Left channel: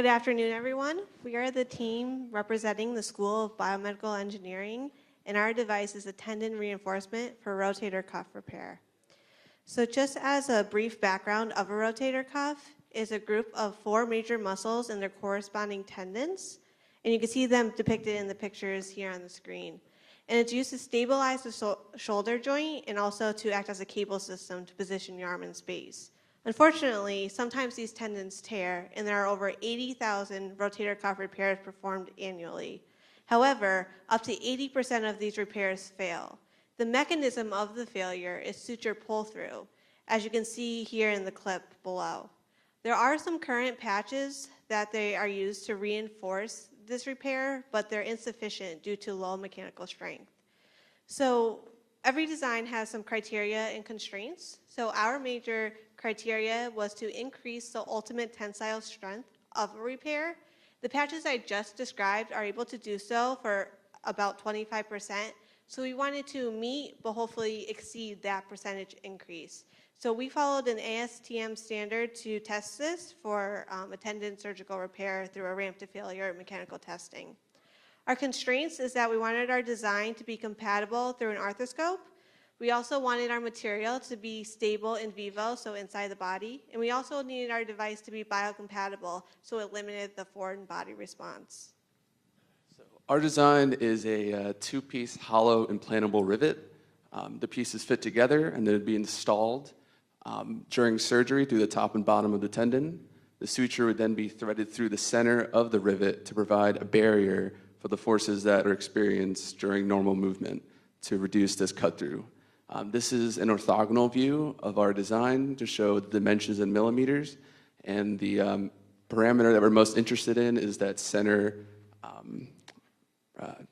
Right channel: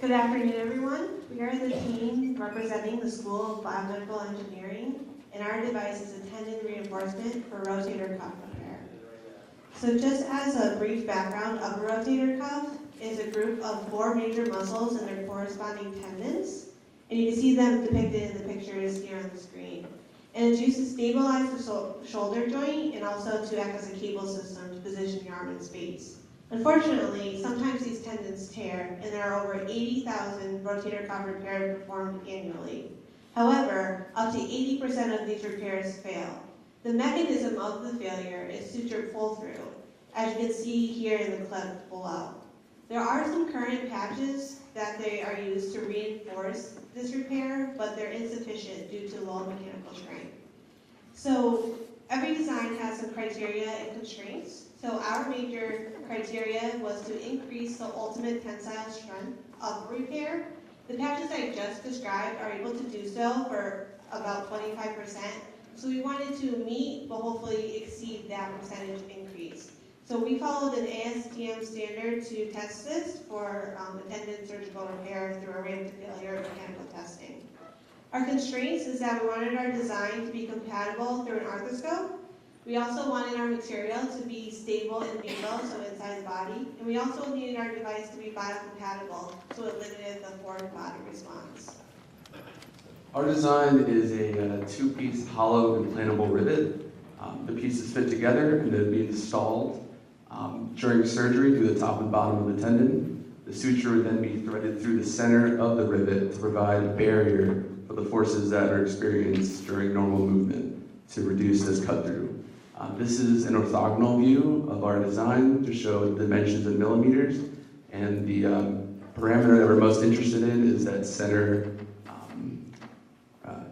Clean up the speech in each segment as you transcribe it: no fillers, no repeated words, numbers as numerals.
Good afternoon, everyone. We are the team representing the School of Biomedical Engineering, and our device is a tendon reinforcement for rotator cuff repair. So just as a brief background of a rotator cuff, is a group of 4 major muscles and their corresponding tendons, and you can see them depicted in the pictures here on the screen. And it's used to stabilize the shoulder joint and also to act as a cable system to position your arm in space. Unfortunately, sometimes these tendons tear, and there are over 80,000 rotator cuff repairs performed annually. However, up to 80% of these repairs fail. The mechanism of the failure is suture pull-through, as you can see here in the clip below. There are some current patches that they are used to reinforce this repair, but they're insufficient due to low mechanical strength. So every design has some criteria and constraints. So our major criteria was to increase the ultimate tensile strength of a repair. The patches I just described are able to do so for about 25%. So we wanted to meet, but hopefully exceed that percentage increase. So we followed an ASTM standard to test this for a tendon surgical repair through a random failure mechanical testing. Our constraints is that we wanted our design to be compatible through an arthroscope. We also wanted our material to be stable in vivo, so inside the body. And we also needed our device to be biocompatible, so it limited the forward body response. Our design is a 2-piece hollow implantable rivet. The pieces fit together and then be installed during surgery through the top and bottom of the tendon. The suture would then be threaded through the center of the rivet to provide a barrier for the forces that are experienced during normal movement to reduce this cut through. This is an orthogonal view of our design to show the dimensions in millimeters, and the parameter that we're most interested in is that center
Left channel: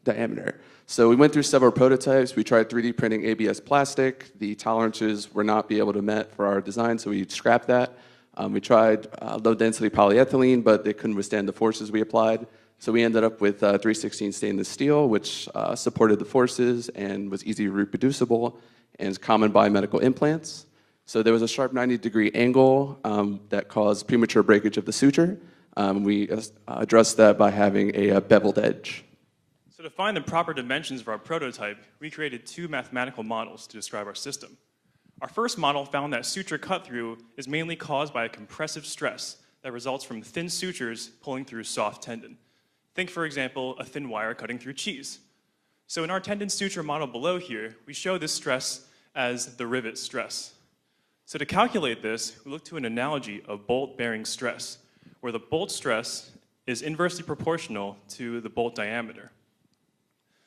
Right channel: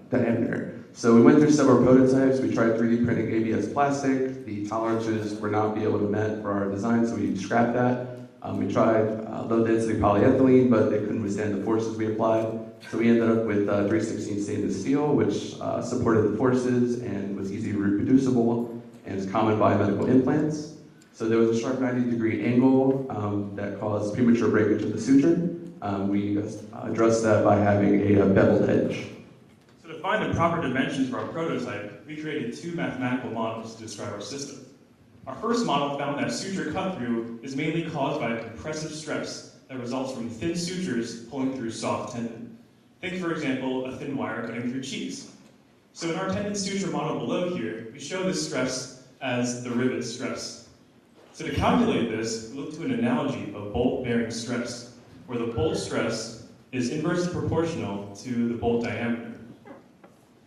diameter. So we went through several prototypes. We tried 3D printing ABS plastic. The tolerances were not be able to met for our design, so we scrapped that. We tried low-density polyethylene, but they couldn't withstand the forces we applied. So we ended up with 316 stainless steel, which supported the forces and was easily reproducible and is common biomedical implants. So there was a sharp 90-degree angle that caused premature breakage of the suture. We addressed that by having a beveled edge. To find the proper dimensions for our prototype, we created 2 mathematical models to describe our system. Our first model found that suture cut-through is mainly caused by a compressive stress that results from thin sutures pulling through soft tendon. Think, for example, a thin wire cutting through cheese. So in our tendon suture model below here, we show this stress as the rivet stress. So to calculate this, we look to an analogy of bolt-bearing stress, where the bolt stress is inversely proportional to the bolt diameter.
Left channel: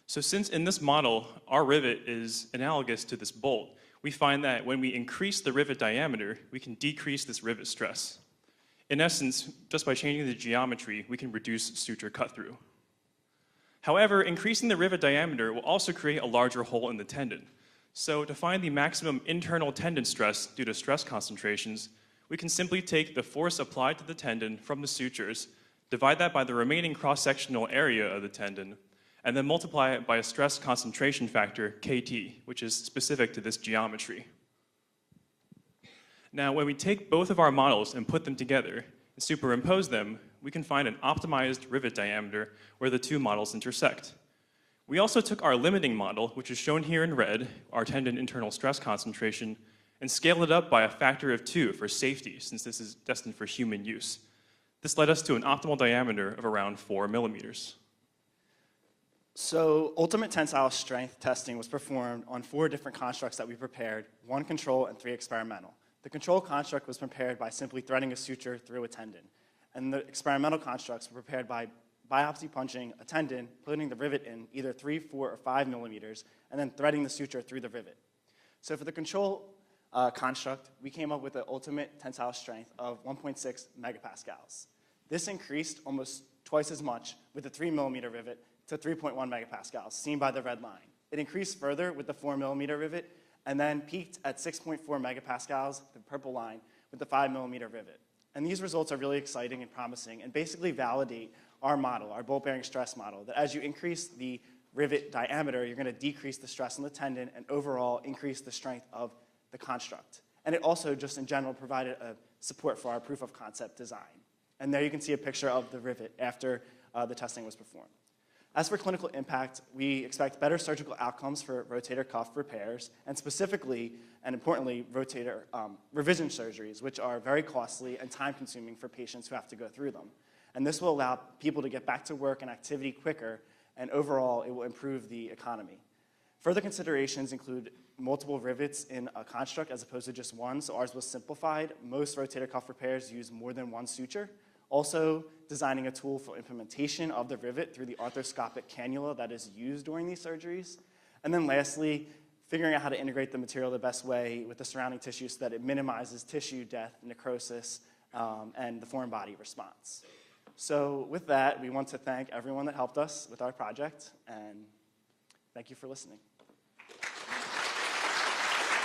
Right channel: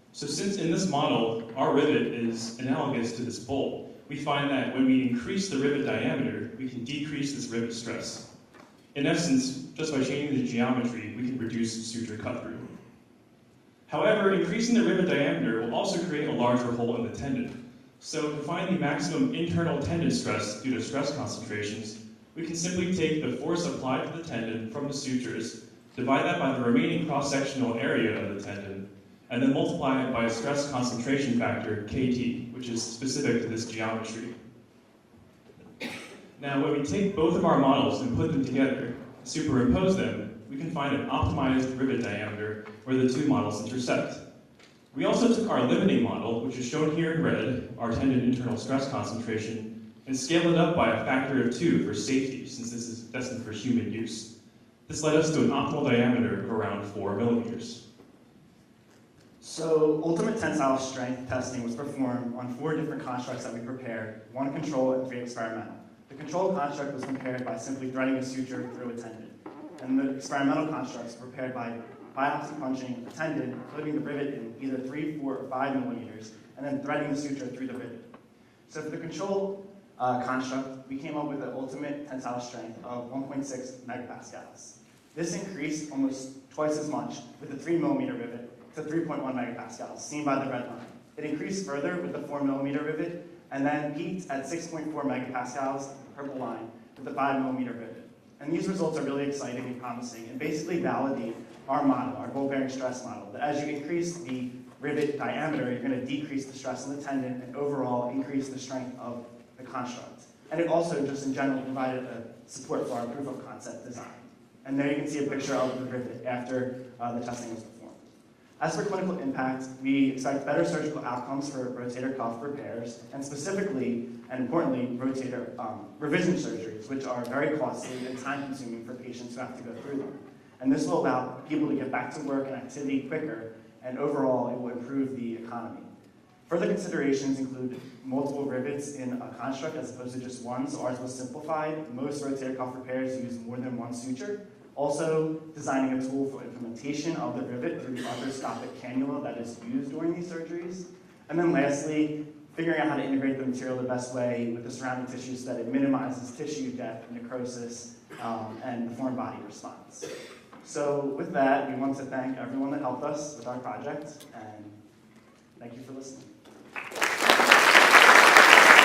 So since in this model, our rivet is analogous to this bolt, we find that when we increase the rivet diameter, we can decrease this rivet stress. In essence, just by changing the geometry, we can reduce suture cut-through. However, increasing the rivet diameter will also create a larger hole in the tendon. So to find the maximum internal tendon stress due to stress concentrations, we can simply take the force applied to the tendon from the sutures, divide that by the remaining cross-sectional area of the tendon, and then multiply it by a stress concentration factor, Kt, which is specific to this geometry. Now, when we take both of our models and put them together, and superimpose them, we can find an optimized rivet diameter where the 2 models intersect. We also took our limiting model, which is shown here in red, our tendon internal stress concentration, and scaled it up by a factor of 2 for safety, since this is destined for human use. This led us to an optimal diameter of around 4 millimeters. So ultimate tensile strength testing was performed on 4 different constructs that we prepared, 1 control and 3 experimental. The control construct was prepared by simply threading a suture through a tendon, and the experimental constructs were prepared by biopsy punching a tendon, putting the rivet in either 3, 4, or 5 millimeters, and then threading the suture through the rivet. So for the control construct, we came up with the ultimate tensile strength of 1.6 megapascals. This increased almost twice as much with the 3 millimeter rivet to 3.1 megapascals, seen by the red line. It increased further with the 4 millimeter rivet, and then peaked at 6.4 megapascals, the purple line, with the 5 millimeter rivet. And these results are really exciting and promising, and basically validate our model, our bolt-bearing stress model, that as you increase the rivet diameter, you're going to decrease the stress in the tendon and overall increase the strength of the construct. And it also just in general provided a support for our proof of concept design. And there you can see a picture of the rivet after the testing was performed. As for clinical impact, we expect better surgical outcomes for rotator cuff repairs, and specifically, and importantly, rotator revision surgeries, which are very costly and time-consuming for patients who have to go through them. And this will allow people to get back to work and activity quicker, and overall, it will improve the economy. Further considerations include multiple rivets in a construct as opposed to just one, so ours was simplified. Most rotator cuff repairs use more than one suture. Also, designing a tool for implementation of the rivet through the arthroscopic cannula that is used during these surgeries. And then lastly, figuring out how to integrate the material the best way with the surrounding tissue so that it minimizes tissue death, necrosis, and foreign body response. So with that, we want to thank everyone that helped us with our project, and thank you for listening.